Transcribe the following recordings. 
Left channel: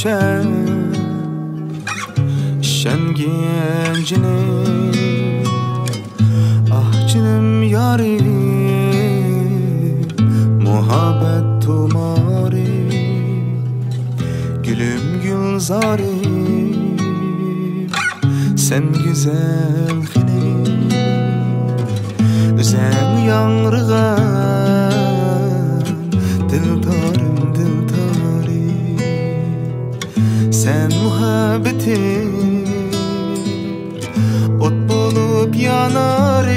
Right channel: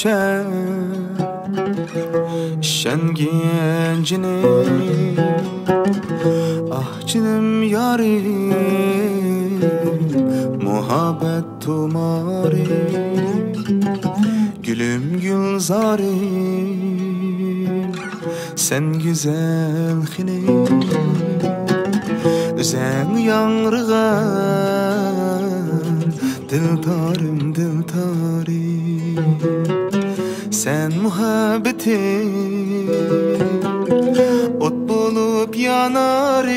içen şen gencini. Ah canım yarim, muhabbet tumari, gülüm gülzarim, sen güzel hine. Sen yanrıgan dildarım dildarim, sen muhabbetim ot bolup yanarım.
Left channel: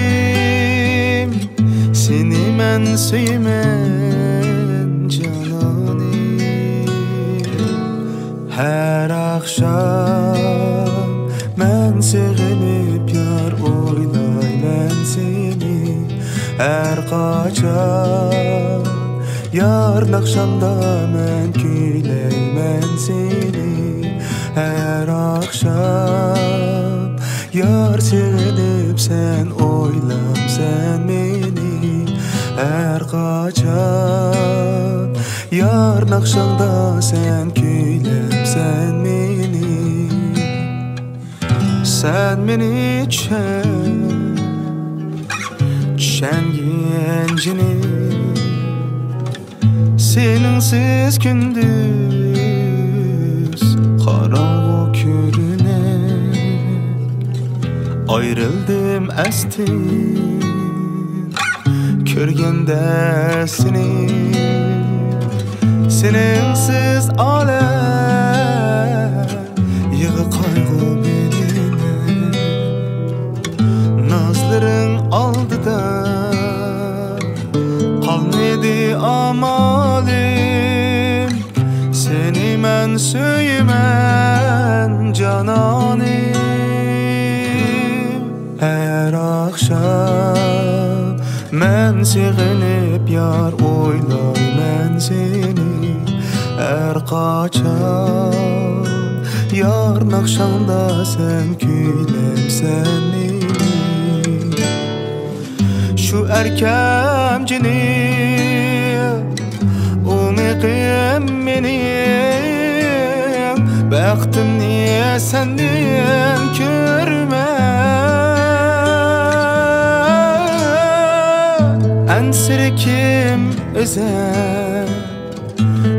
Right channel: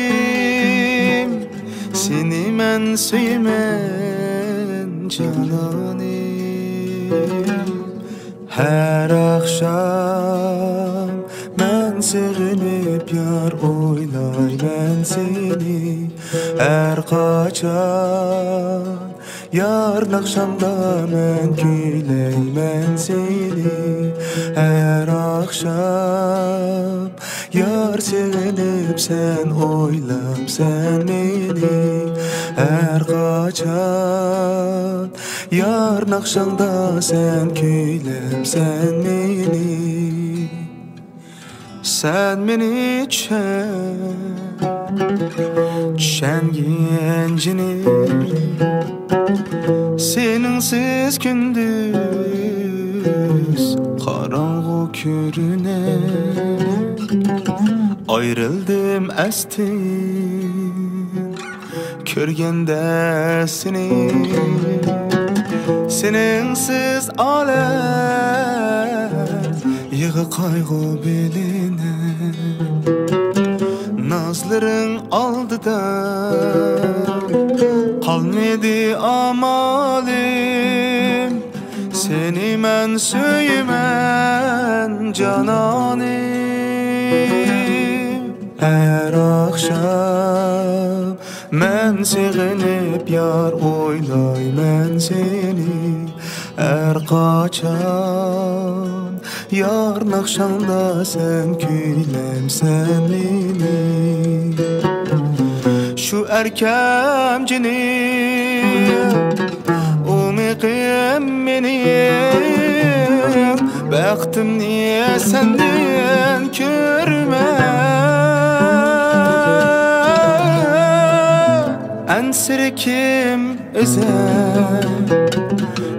Seni men söymen cananim. Her akşam men sevinip yar oylayman seni. Her kaçan yarın akşamda men küyleymen seni. Her akşam yar sevinip sen oylam sen beni. Her kaçan yarın akşamda sen küylem sen beni. Sen beni çen gencini. Seninsiz gündüz karanlık görüner. Ayrıldım estin körgende seni. Seninsiz alem yığı kaygı beline. Nazların aldıda kalmadı amalim. Seni men söymen cananim. Her akşam men sevinip yar oylayman seni. Her kaçan yarın akşamda sen küylem sen beni. Şu erkemcini umiqim benim. Baktım niye senden körme. Ensir kim özel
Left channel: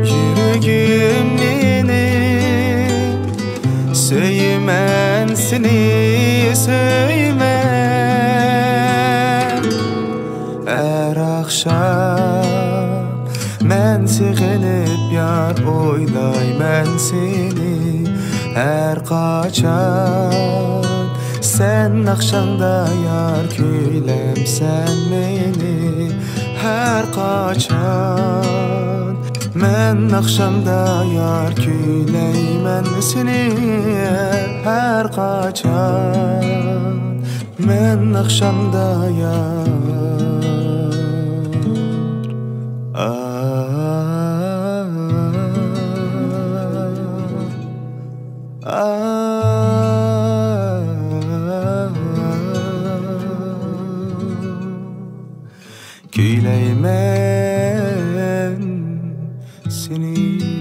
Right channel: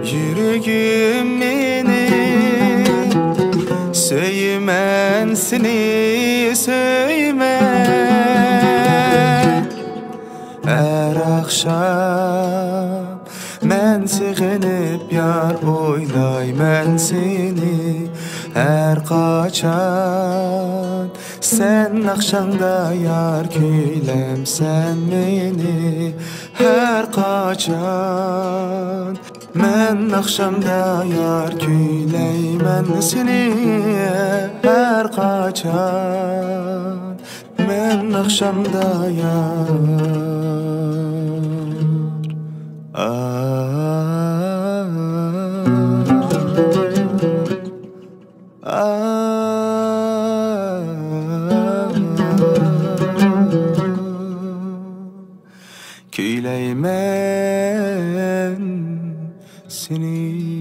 yüreğim beni. Söylemen seni söylemen. Her akşam men sevinip yar oylayman seni. Her kaçan sen akşamda yar küylem sen beni. Her kaçan men akşamda yar küyleymen seni. Her kaçan men akşamda yar. Küyleymen seni.